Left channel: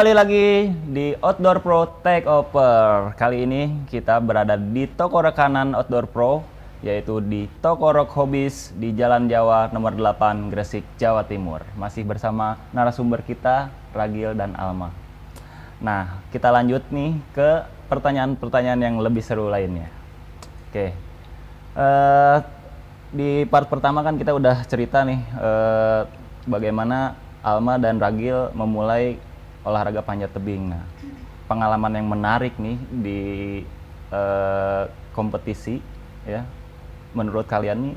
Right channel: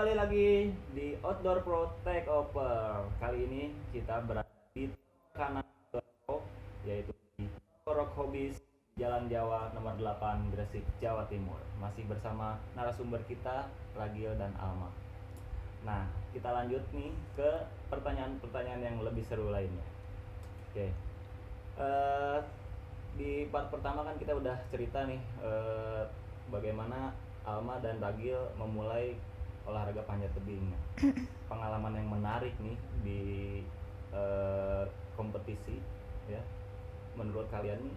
Kembali lagi di Outdoor Pro Takeover. Kali ini kita berada di toko rekanan Outdoor Pro, yaitu di Toko Rock Hobbies di Jalan Jawa nomor 8 Gresik, Jawa Timur. Masih bersama narasumber kita, Ragil dan Alma. Nah, kita lanjut nih ke pertanyaan-pertanyaan yang lebih seru lainnya. Oke. Di part pertama kan kita udah cerita nih bagaimana Alma dan Ragil memulai olahraga panjat tebing. Nah, pengalaman yang menarik nih di kompetisi ya. Menurut kalian nih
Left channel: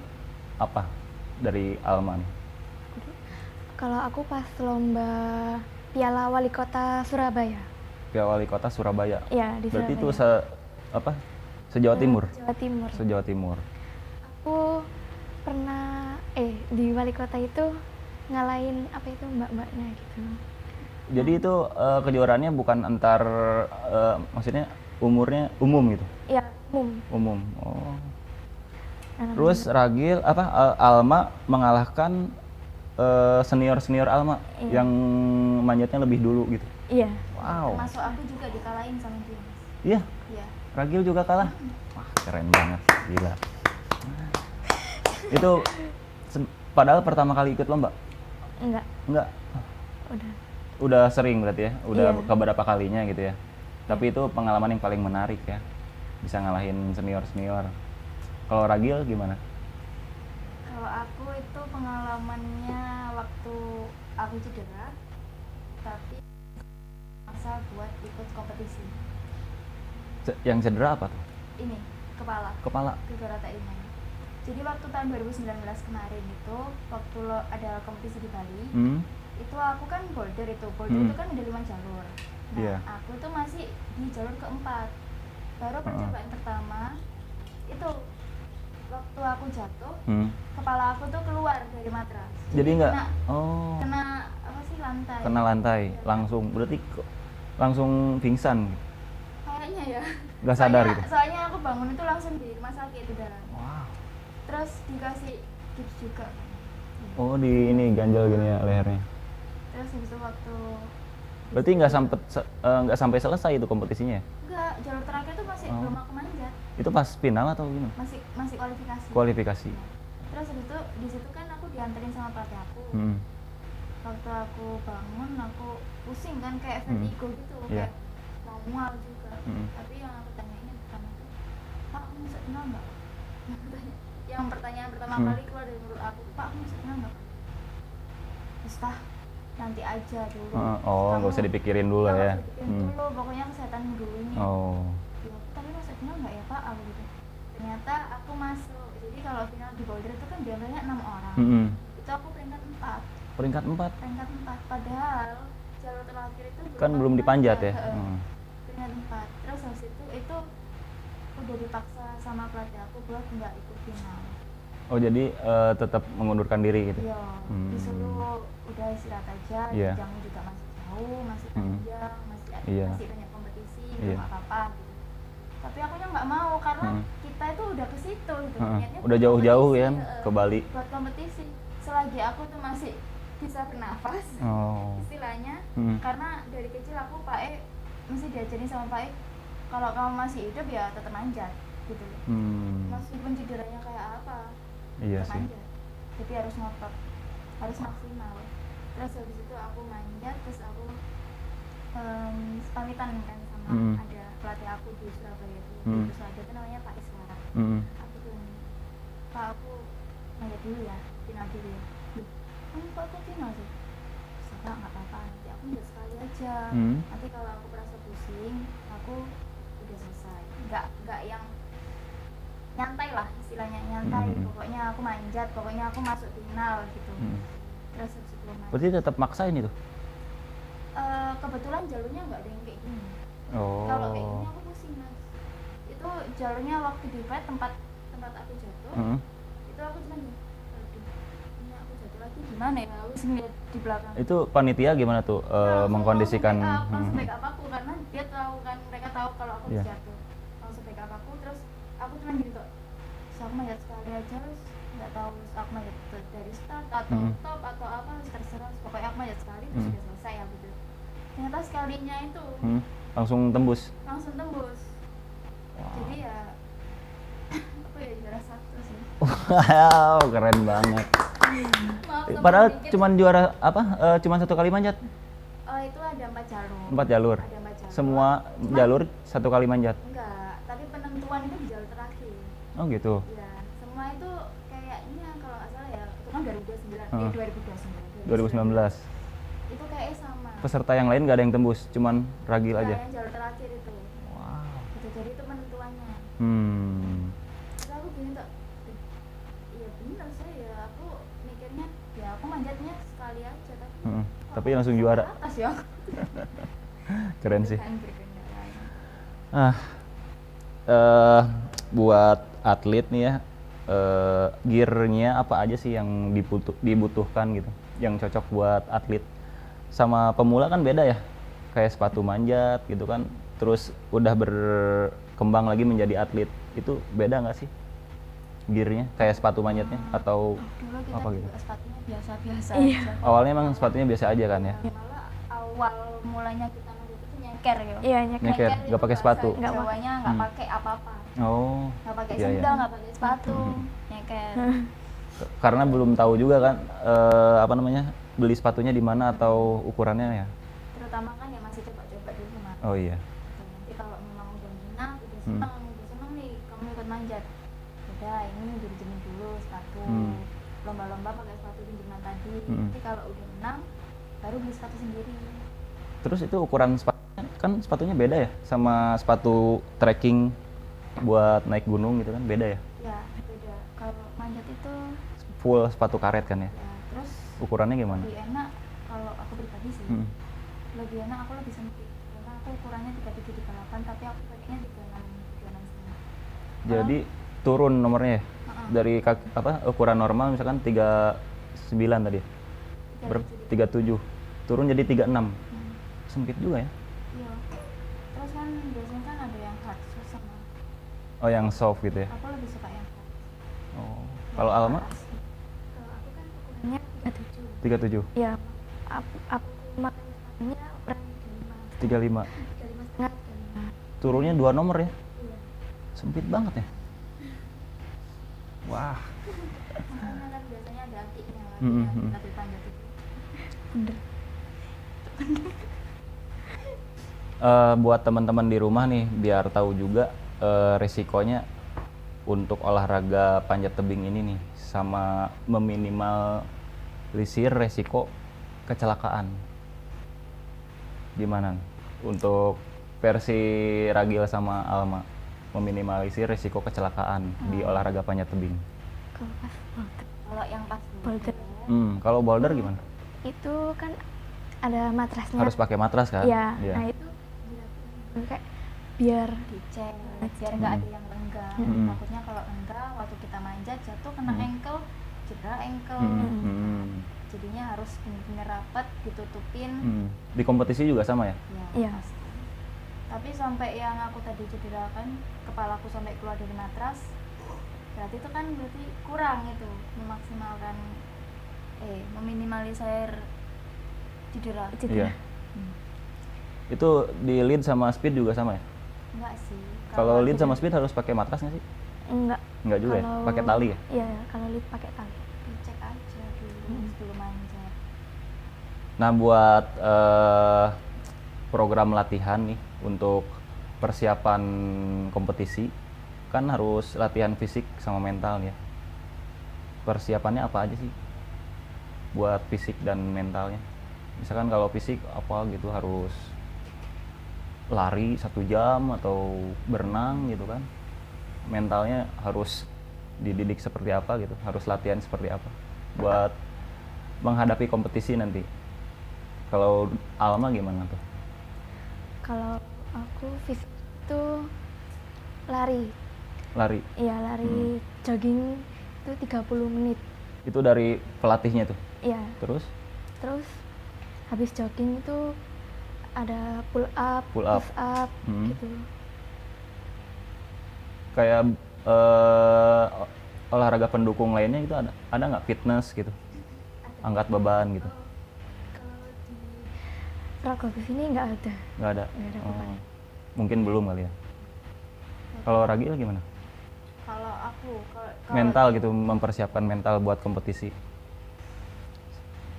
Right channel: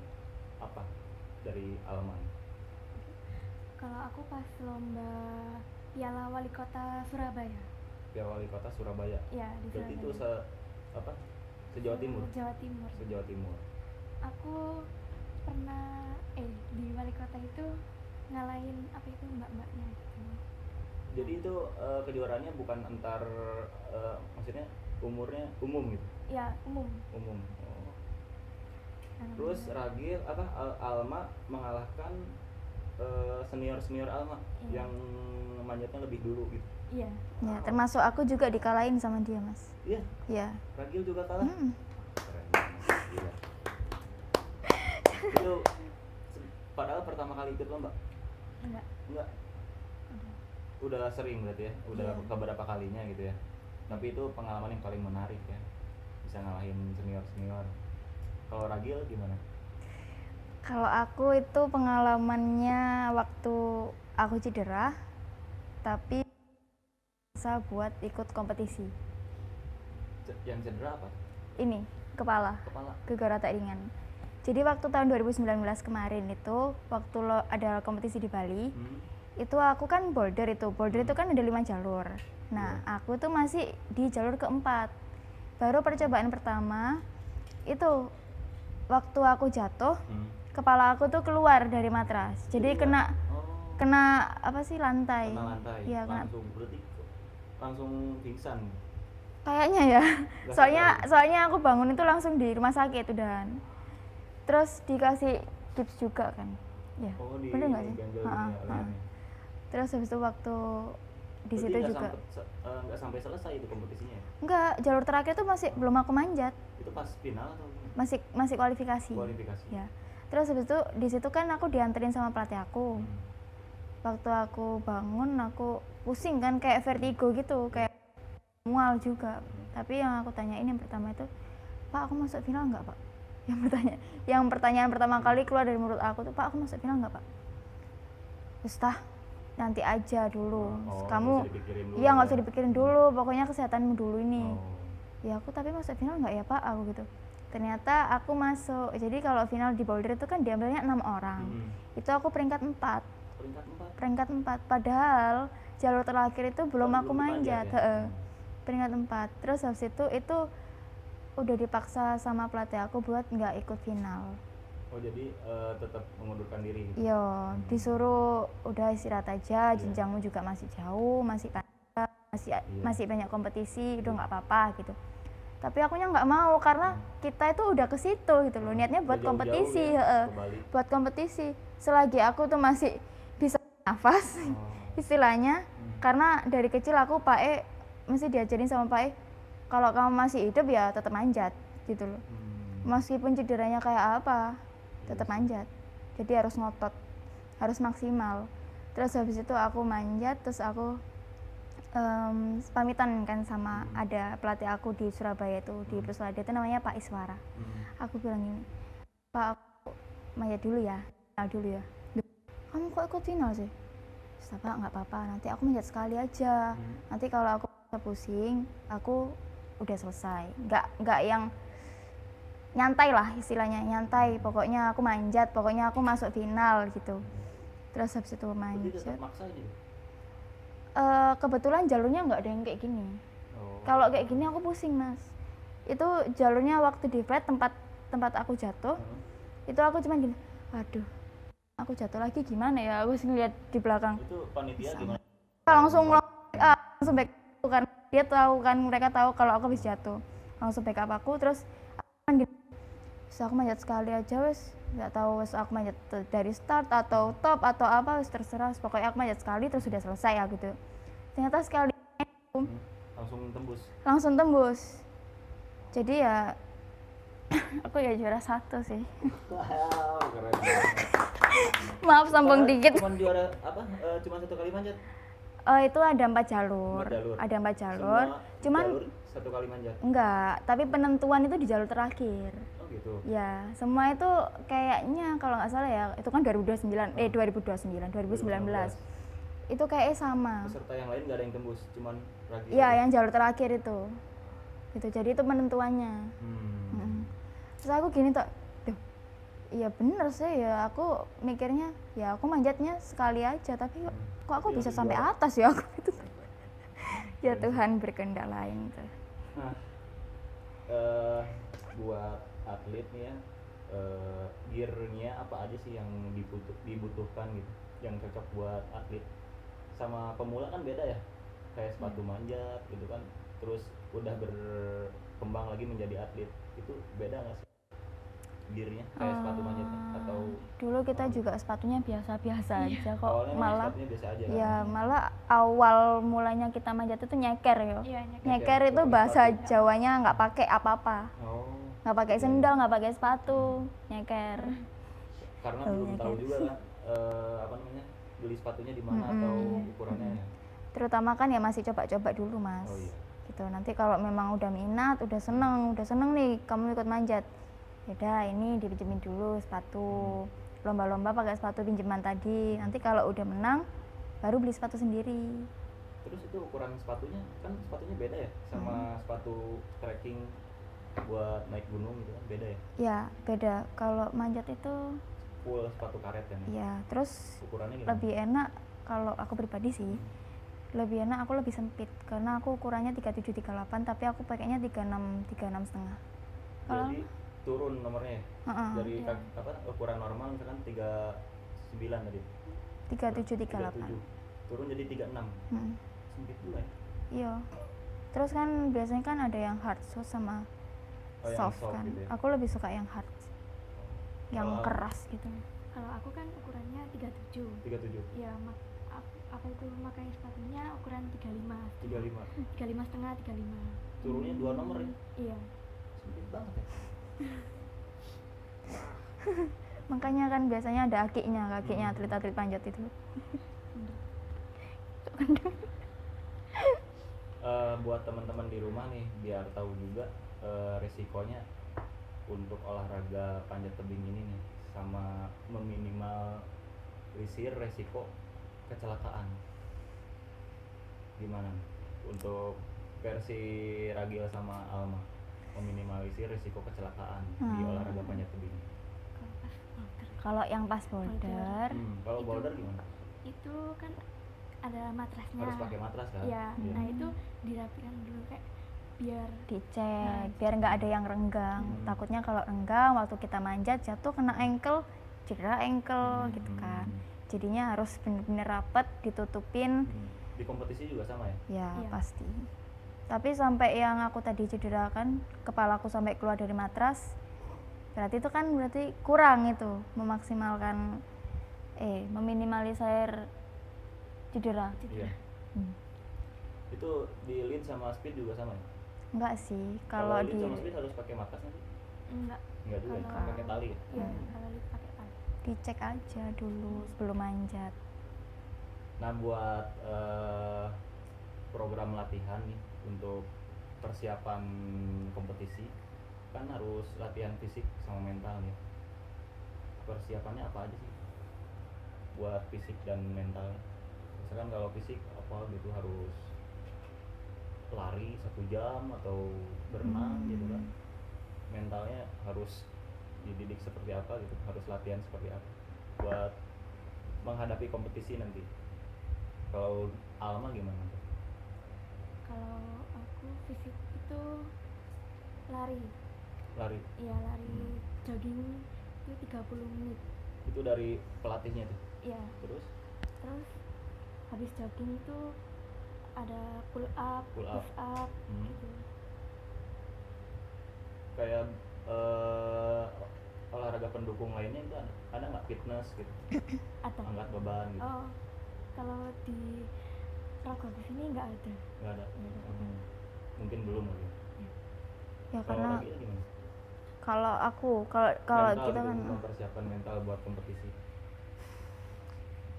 apa dari Alma nih? Kalau aku pas lomba Piala Wali Kota Surabaya. Piala Wali Kota Surabaya. Iya, di Berarti itu Surabaya. se-Jawa Timur. Jawa Timur. Se-Jawa Timur. Aku pernah di Wali Kota itu ngalahin apa itu mbak-mbaknya gitu. Jadi itu kejuaraannya bukan antar maksudnya umurnya umum gitu. Iya, umum. Umum. Oh. Anak Terus Ragil Alma mengalahkan senior Alma yang manjatnya lebih dulu gitu. Iya. Wow. Termasuk aku juga dikalahin sama dia, Mas. Iya. Iya. Ragil juga kalah. Wah, keren banget, gila. Itu padahal pertama kali ikut lomba. Enggak. Udah sering berarti ya. Udah Iya. keberapa kalinya gitu ya. Tapi itu pengalaman yang paling menarik ya. Bisa ngalahin senior. Kalau Ragil gimana? Kalau aku itu pengalamannya waktu aku cedera, tapi masa buat ikut kompetisi. Yang cedera apa tuh? Ini, kepala. Kepala. Gegara tak ringan. Jadi waktu tahun 2019 kemarin itu, waktu ada kompetisi di Bali, itu aku kan boulder itu kan ada 5 jalur. Nah, Yeah. aku tuh masih di jalur keempat. Baru percobaan pertama, itu waktu aku jatuh, kepala aku tuh keluar dari matras. Jadi kena apa sih, lantai. Kena lantai, Iya, langsung. Berarti langsung pingsan. kayaknya ya. Nggak sadar gitu? Soalnya aku bangun itu langsung di rumah sakit udahan. Wow. Terus dikasih tips juga kan. Ya. Oh, di ini ganjal gini ya lehernya. Terus habis itu waktu di Berarti situ nggak sampai selesai itu kompetisinya ya? enggak, jalur terakhir tuh masih belum aku manjat. Itu pas final atau gimana? Masih kualifikasi. Kualifikasi. Ya. Terus habis itu di situ kan aku dianterin sama pelatih aku. Waktu aku bangun aku pusing kan, kayak vertigo gitu, Yeah. kayak mual juga. Tapi yang aku tanyain yang pertama itu, "Pak, aku masuk final enggak, Pak?" Yang pertanyaan pertama kali keluar dari mulut aku tuh, "Pak, aku masuk final enggak, Pak?" Terus nanti aja dulu. Oh, nggak usah dipikirin dulu Iya, nggak ya? usah dipikirin dulu, pokoknya kesehatanmu dulu ini. Oh. Ya aku tapi masuk final nggak ya Pak, aku gitu. Ternyata aku masuk. Jadi kalau final di boulder itu kan diambilnya 6 orang. Itu aku peringkat 4. Peringkat 4? Peringkat 4. Padahal jalur terakhir itu belum Kan aku belum dipanjat ya? Peringkat 4. Terus habis itu udah dipaksa sama pelatih aku buat nggak ikut final. Oh, jadi tetap mengundurkan diri gitu? Iya, disuruh udah istirahat aja, Iya. jenjangmu juga masih jauh, masih panjang, Iya. masih banyak kompetisi, itu Iya. nggak apa-apa gitu. Tapi akunya nggak mau karena kita itu udah ke situ gitu, niatnya Udah buat jauh-jauh kompetisi, ya ke Bali. buat kompetisi. Selagi aku tuh masih bisa bernafas, istilahnya, karena dari kecil aku Pak E mesti diajarin sama Pak E, kalau kamu masih hidup ya tetap manjat gitu loh. Meskipun cederanya kayak apa, Iya tetap sih. manjat. Jadi harus ngotot, harus maksimal. Terus habis itu aku manjat, terus aku pamitan kan sama ada pelatih aku di Surabaya itu, di Puswada itu namanya Pak Iswara. Aku bilang gini, "Pak, aku manjat dulu ya, final dulu ya." "Loh, kamu kok ikut final sih?" "Terus, Pak, nggak apa-apa, nanti aku manjat sekali aja. Nanti kalau aku merasa pusing, aku udah selesai. Nggak yang nyantai lah istilahnya, nyantai. Pokoknya aku manjat, pokoknya aku masuk final gitu." Terus habis itu manjat. Berarti tetap maksain itu? Kebetulan jalurnya nggak ada yang kayak gini. Oh. Kalau kayak gini aku pusing, Mas. Itu jalurnya waktu di flat tempat aku jatuh, itu aku cuma gini, waduh, aku jatuh lagi gimana ya? Aku sih ngeliat di belakang. Itu panitia gimana tuh mengkondisikan? Langsung backup aku karena dia tahu kan, mereka tahu kalau aku habis jatuh. Langsung backup aku, terus aku cuma gitu. Terus aku manjat sekali aja wes, nggak tahu wes aku manjat dari start atau top atau apa, wes terserah. Pokoknya aku manjat sekali terus sudah selesai ya gitu. ternyata sekalinya itu Langsung tembus. langsung tembus. Jadi ya aku ya juara 1 sih. Wow, keren banget. Maaf sombong Padahal dikit. cuman juara apa? Cuman 1 kali manjat. Itu ada 4 jalur. 4 jalur. Ada 4 jalur. Semua Cuman jalur 1 kali manjat. enggak, tapi penentuan itu di jalur terakhir. Oh gitu. Ya, semua itu kayaknya kalau nggak salah ya, itu kan 2029, 2019. 2019. Itu kayaknya sama. Peserta yang lain nggak ada yang tembus, cuman Ragil Iya, aja. yang jalur terakhir itu. Wow. Gitu, jadi itu penentuannya. Terus aku gini tuh, duh, iya bener sih ya, aku mikirnya ya aku manjatnya sekali aja, tapi kok Tapi aku langsung bisa sampai juara. atas ya aku itu. Ya Keren sih. Tuhan berkehendak lain tuh. Buat atlet nih ya, gearnya apa aja sih yang dibutuhkan gitu, yang cocok buat atlet? Sama pemula kan beda ya, kayak sepatu manjat gitu kan, terus udah berkembang lagi menjadi atlet, itu beda nggak sih gearnya, kayak sepatu manjatnya atau Dulu kita apa juga gitu? sepatunya biasa-biasa Iya. aja kok. Awalnya emang Malah- sepatunya biasa aja kan ya? Malah awal mulanya kita manjat itu nyeker ya. Iya, nyeker. Nyeker, Nyeker nggak itu pakai bahasa sepatu. Jawanya nggak pakai apa-apa. Oh, Nggak pakai iya, iya. sendal, nggak pakai sepatu, nyeker. Karena belum tahu juga kan apa namanya, beli sepatunya di mana atau ukurannya ya. Terutama kan ya masih coba-coba dulu, Mas. Oh iya. Gitu. Nanti kalau memang udah minat, udah seneng nih kamu ikut manjat. Udah ini dipinjemin dulu sepatu. Lomba-lomba pakai sepatu pinjaman tadi. Nanti kalau udah menang baru beli sepatu sendiri. Terus itu ukuran sepatunya, kan sepatunya beda ya sama sepatu trekking buat naik gunung gitu kan, beda ya? Ya, beda. Kalau manjat itu Full sepatu karet kan ya? ya, terus Ukurannya gimana? lebih enak kalau aku pribadi sih. Lebih enak aku lebih sempit karena aku ukurannya 37 38 tapi aku pakainya 36 setengah. Jadi turun nomornya ya? Dari ukuran normal misalkan 39 tadi. 37 37. Turun jadi 36. Sempit juga ya? Iya. Terus kan biasanya kan ada yang hard soft sama Oh, yang soft gitu ya? Aku lebih suka yang hard. Oh. Yang Kalau Alma keras gitu. Kalau aku kan ukurannya 37. 37. Ya, aku makan sepatunya ukuran 35. 35. 35 setengah, 35. Turunnya 2 nomor ya? Iya. Sempit banget ya? Wah. Makanya kan biasanya ada kakinya atlet-atlet panjat itu. Buat teman-teman di rumah nih, biar tahu juga resikonya untuk olahraga panjat tebing ini nih, sama meminimalisir resiko kecelakaan. Gimana untuk versi Ragil sama Alma meminimalisir resiko kecelakaan di olahraga panjat tebing? Kalau pas boulder, Kalau yang pas boulder, Kalau boulder gimana? itu kan ada matrasnya. Harus pakai matras kan? Iya. Iya. Nah, itu dirapikan dulu kayak biar dicek biar nggak ada yang renggang. Takutnya kalau renggang waktu kita manjat jatuh kena ankle, cedera ankle gitu kan. Jadinya harus benar-benar rapat ditutupin. Di kompetisi juga sama ya? Ya, Iya. pasti. Tapi sampai yang aku tadi cedera kan kepalaku sampai keluar dari matras. Berarti itu kan berarti kurang itu memaksimalkan meminimalisir cedera. Iya. Itu di lead sama speed juga sama ya? Enggak sih. Kalau lead sama speed harus pakai matras nggak sih? enggak. Enggak juga ya? Kalau- Pakai tali ya? Iya, kalau lead pakai tali. dicek aja dulu sebelum manjat. Nah, buat program latihan nih untuk persiapan kompetisi, kan harus latihan fisik sama mental ya. Persiapannya apa aja sih buat fisik dan mentalnya? Misalkan kalau fisik apa gitu, harus lari 1 jam atau berenang gitu kan. Mentalnya harus dididik seperti apa gitu, harus latihan seperti apa buat menghadapi kompetisi nanti. Kalau Alma gimana tuh? Kalau aku fisik itu lari. Lari Iya, lari jogging itu 30 menit. itu dari pelatihnya tuh. Iya. Terus Terus habis jogging itu ada pull up, Pull up. push up Hmm. gitu. kayak olahraga pendukung lainnya gitu, ada nggak, fitness gitu, Ada. angkat beban gitu? Oh, kalau di rock habis ini nggak ada. Nggak ada? Nggak ada Oh, bukan. mungkin belum kali ya. Ya, Kalau karena Ragil gimana? kalau aku kalau Mental dia- gitu, mempersiapkan mental buat kompetisi.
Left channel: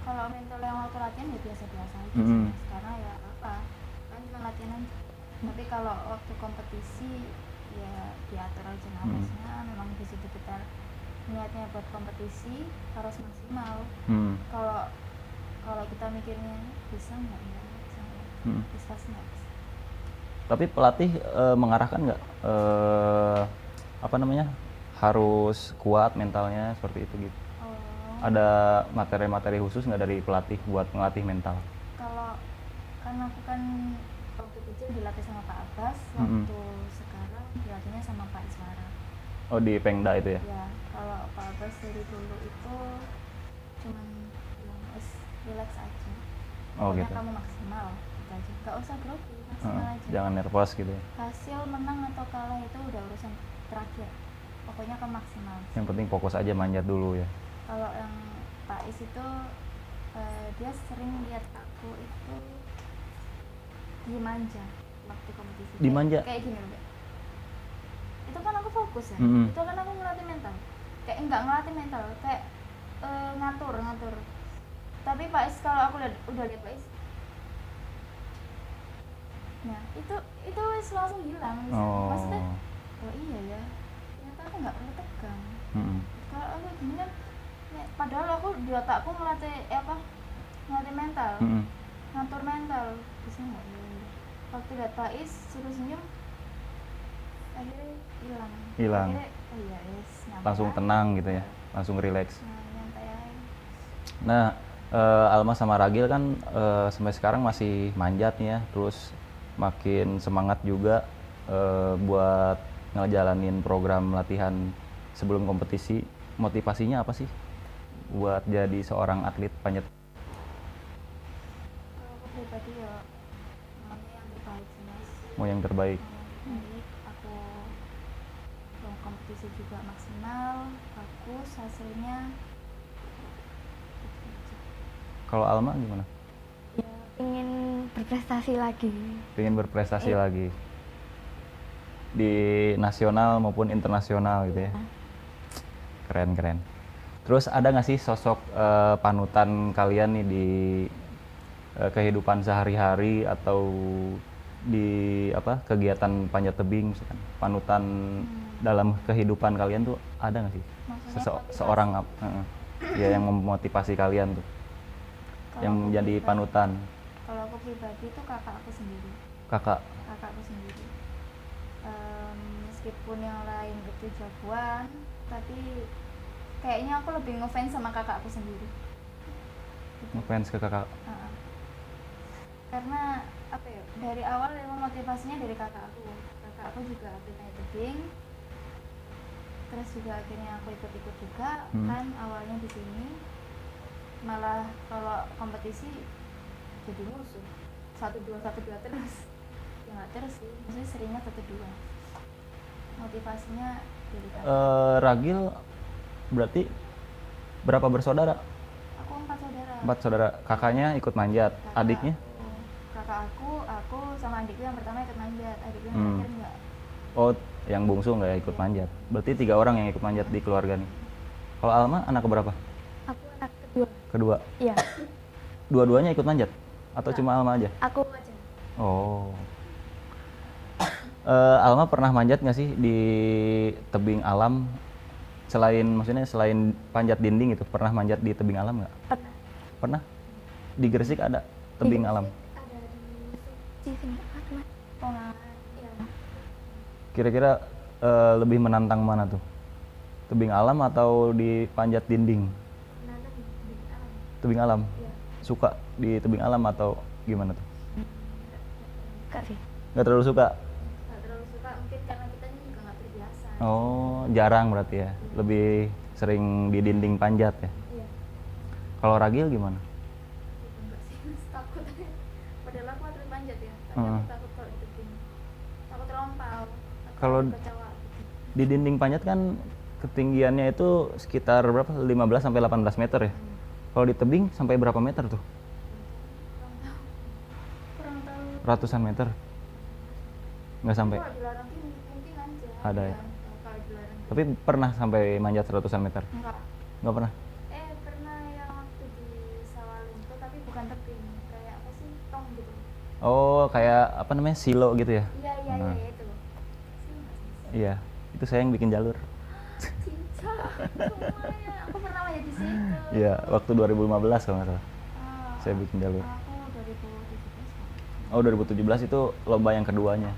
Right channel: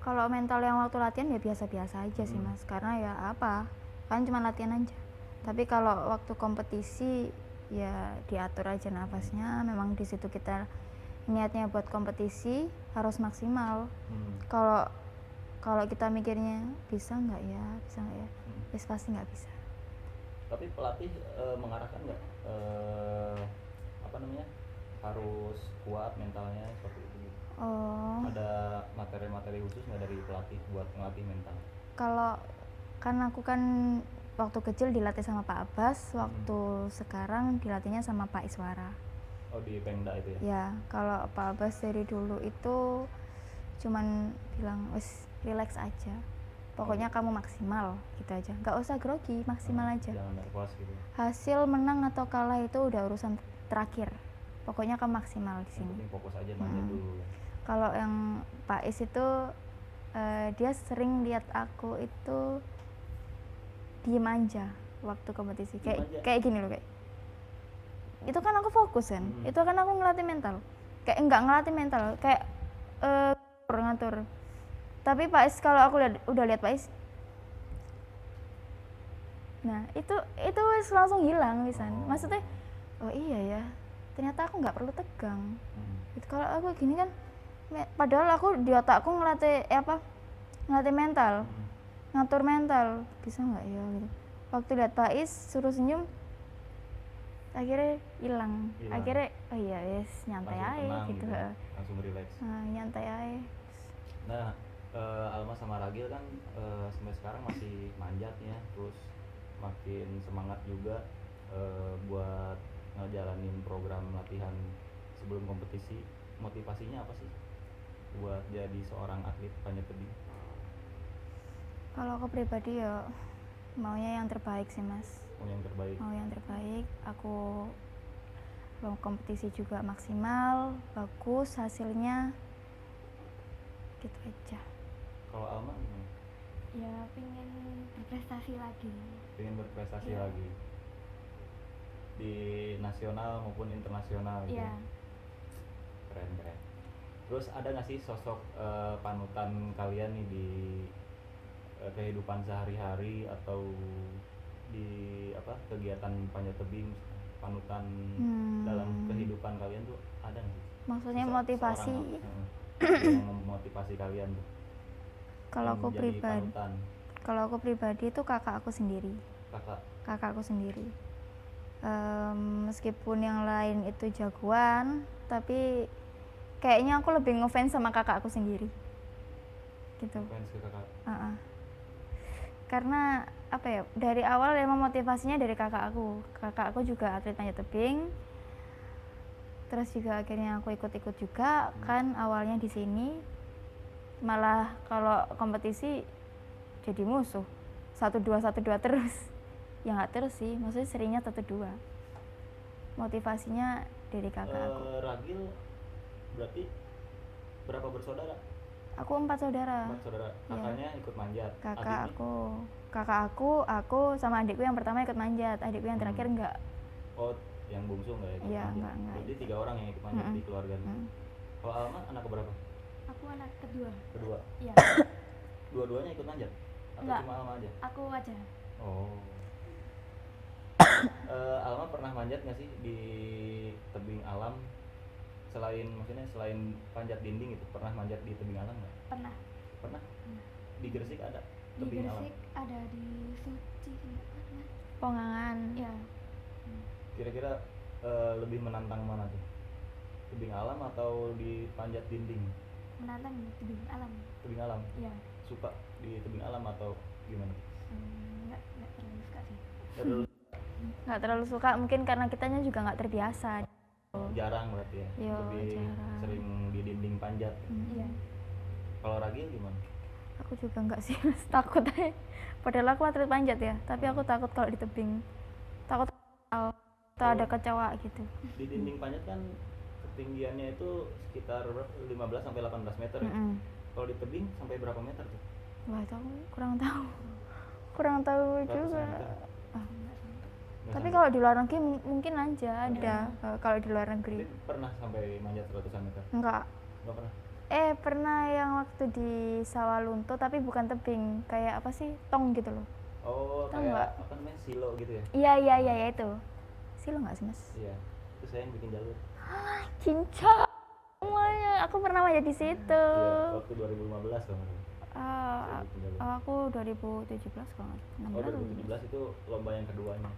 Kalau mental yang waktu latihan ya biasa-biasa aja sih Mm-mm. Mas. Karena ya apa, kan cuma latihan aja. Tapi kalau waktu kompetisi ya diatur aja nafasnya. Memang di situ kita niatnya buat kompetisi harus maksimal. Hmm. Kalau kalau kita mikirnya bisa nggak ya, bisa nggak ya, Hmm. terus pasti nggak bisa. Tapi pelatih mengarahkan nggak apa namanya, harus kuat mentalnya seperti itu gitu? Oh, Ada materi-materi khusus nggak dari pelatih buat ngelatih mental? kalau kan aku kan waktu kecil dilatih sama Pak Abbas, waktu sekarang dilatihnya sama Pak Iswara. Oh, di Pengda itu ya? Ya, kalau Pak Abbas dari dulu itu cuman bilang wis relax aja. Oh, Pokoknya gitu. kamu maksimal gitu aja. Nggak usah grogi, maksimal aja. Jangan nervous gitu ya. Hasil menang atau kalah itu udah urusan terakhir. Pokoknya kamu maksimal. Yang penting fokus aja manjat dulu ya. Kalau yang Pak Is itu dia sering lihat aku itu diem aja waktu kompetisi. Diem aja? Kayak gini loh, kayak itu kan aku fokus ya. Mm-mm. Itu kan aku ngelatih mental. Kayak enggak ngelatih mental, kayak ngatur. Tapi Pak Is kalau aku udah lihat Pak Is, nah itu wis langsung hilang bisa. Oh. Maksudnya, oh iya ya, ternyata aku nggak perlu tegang. Mm-mm. Kalau aku gini kan, padahal aku di otakku ngelatih mental, Mm-mm. ngatur mental, bisa nggak ya? Waktu lihat Pak Is suruh senyum, akhirnya hilang. Hilang. Akhirnya, oh iya yes, nyantai Langsung aja tenang gitu ya, langsung relax. Nyantai aja. Nah, Alma sama Ragil kan sampai sekarang masih manjat nih ya, terus makin semangat juga buat ngejalanin program latihan sebelum kompetisi. Motivasinya apa sih buat jadi seorang atlet panjat tebing? Kalau aku pribadi ya maunya yang terbaik sih Mas. Mau yang terbaik? Mau yang terbaik. Aku belum kompetisi juga maksimal, bagus hasilnya. Gitu aja. Kalau Alma gimana? Ya, ingin berprestasi lagi. Pengen berprestasi Iya. lagi di nasional maupun internasional gitu Iya. ya? Keren. Terus ada nggak sih sosok panutan kalian nih di kehidupan sehari-hari atau di kegiatan panjat tebing misalkan? Panutan dalam kehidupan kalian tuh ada nggak sih? Maksudnya motivasi. Seorang ya, yang memotivasi kalian tuh, Kalau yang aku menjadi pribadi- panutan. Kalau aku pribadi itu kakak aku sendiri. Kakakku sendiri. Meskipun yang lain itu jagoan, tapi kayaknya aku lebih ngefans sama kakak aku sendiri. Gitu. ngefans ke kakak. Karena apa ya, dari awal emang motivasinya dari kakak aku juga atlet panjat tebing, terus juga akhirnya aku ikut juga kan awalnya di sini, malah kalau kompetisi jadi musuh 1-2 terus. Ya nggak terus sih, maksudnya seringnya 1-2. Motivasinya dari kakak. Ragil berarti berapa bersaudara? Aku 4 saudara. 4 saudara. Kakaknya ikut manjat, adiknya? Kakak aku sama adikku yang pertama ikut manjat, adikku yang terakhir enggak. Oh, yang bungsu nggak ikut Iya, manjat. enggak. Berarti 3 orang yang ikut manjat di keluarga nih. Kalau Alma anak keberapa? Aku anak kedua. Kedua. Iya. Dua-duanya ikut manjat? Atau Enggak. cuma Alma aja? Aku aja. Oh. Alma pernah manjat nggak sih di tebing alam? Maksudnya selain panjat dinding itu, pernah manjat di tebing alam nggak? Pernah. Pernah? Di Gresik ada tebing Di alam? Gresik ada di Cisindak Mas. Pongan. Iya. Kira-kira lebih menantang mana tuh? Tebing alam atau di panjat dinding? Menantang di alam. Tebing alam? Iya. Suka di tebing alam atau gimana tuh? Enggak sih. Nggak terlalu suka? Nggak terlalu suka, mungkin karena kitanya juga nggak terbiasa. Oh, jarang berarti ya? Iya, Lebih sering di dinding panjat ya? Iya. Kalau Ragil gimana? Aku juga nggak sih, Mas. Takut aja. Padahal aku atlet panjat ya, tapi aku takut kalau di tebing. Takut terlompal atau Kalau ada kecoa gitu. di dinding panjat kan ketinggiannya itu sekitar berapa? 15 sampai 18 meter ya? Kalau di tebing sampai berapa meter tuh? Nggak tahu, kurang tahu. kurang tahu Ratusan juga. meter? Nggak Tapi sampai? kalau di luar negeri mungkin aja Ada ada. ya? Kalau di luar negeri Tapi pernah sampai manjat ratusan meter? enggak. Nggak pernah? Pernah yang waktu di Sawalunto tapi bukan tebing, kayak apa sih, tong gitu loh. Oh, kayak apa namanya, silo gitu ya? Iya ya itu. Silo nggak sih mas? Iya, itu saya yang bikin jalur. Cinca semuanya. Aku pernah main di situ. Iya, waktu 2015 kalau nggak salah. Ah, Saya bikin jalur. Aku 2017 banget. Oh, 2017 itu lomba yang keduanya.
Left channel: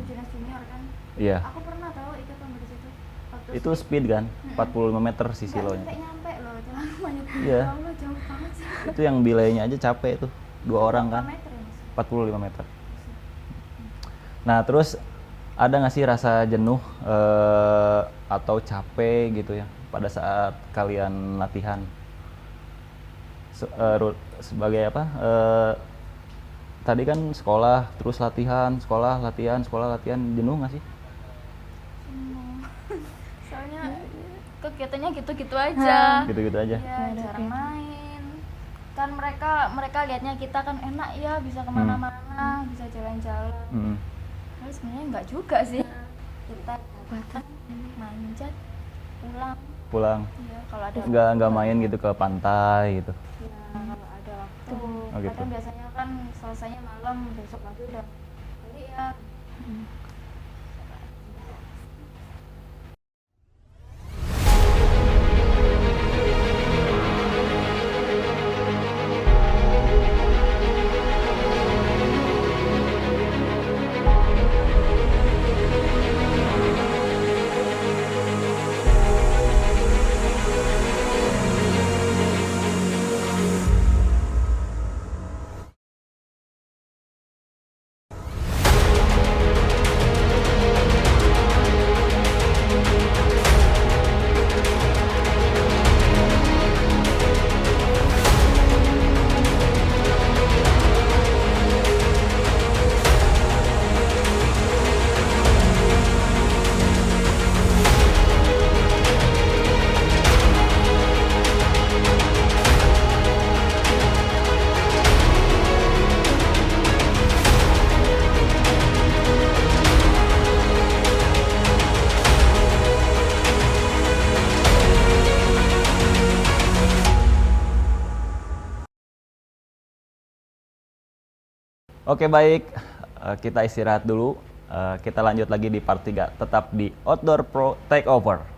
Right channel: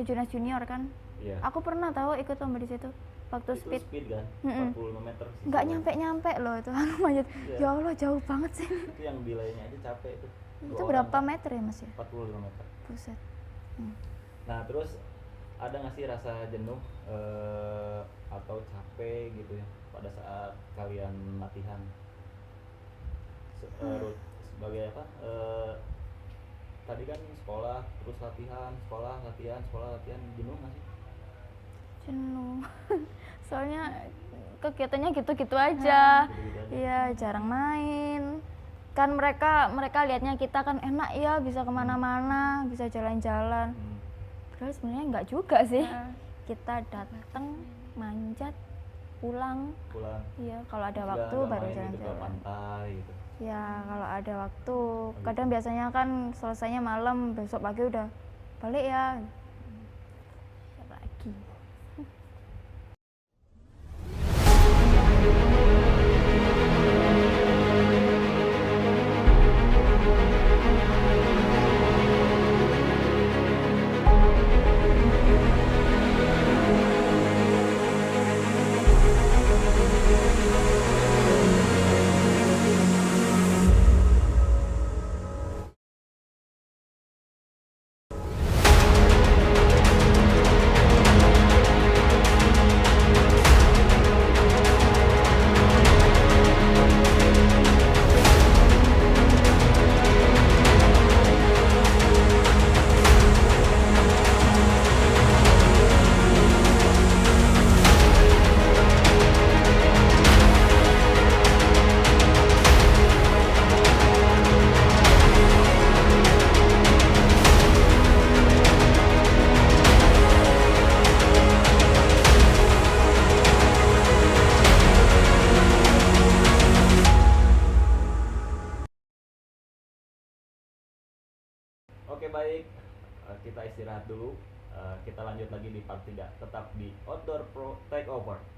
Kejurnas junior kan. Iya. Aku pernah tahu ikut lomba di situ. Waktu Itu speed kan? 45 meter si nggak silonya. nyampe loh itu. Manjat. Iya. Ya Allah jauh banget sih. Itu yang belaynya aja capek itu. Dua orang Berapa kan? meter ya mas? 45 meter. Buset. Nah, terus ada nggak sih rasa jenuh atau capek gitu ya pada saat kalian latihan? Sebagai apa? Tadi kan sekolah, terus latihan, sekolah, latihan, sekolah, latihan, jenuh nggak sih? Jenuh. Soalnya kegiatannya gitu-gitu aja. Gitu-gitu aja. Iya, jarang main. Kan mereka lihatnya kita kan enak ya, bisa kemana-mana, bisa jalan-jalan. Terus sebenarnya enggak juga sih. Kita datang, manjat, pulang. Iya, kalau ada Nggak main gitu ke pantai gitu. Ya, kalau ada waktu. Oh, gitu. Kadang biasanya kan selesainya malam, besok pagi udah balik ya. Pagi. Oke, baik. Kita istirahat dulu. Kita lanjut lagi di part 3. Tetap di Outdoor Pro Takeover.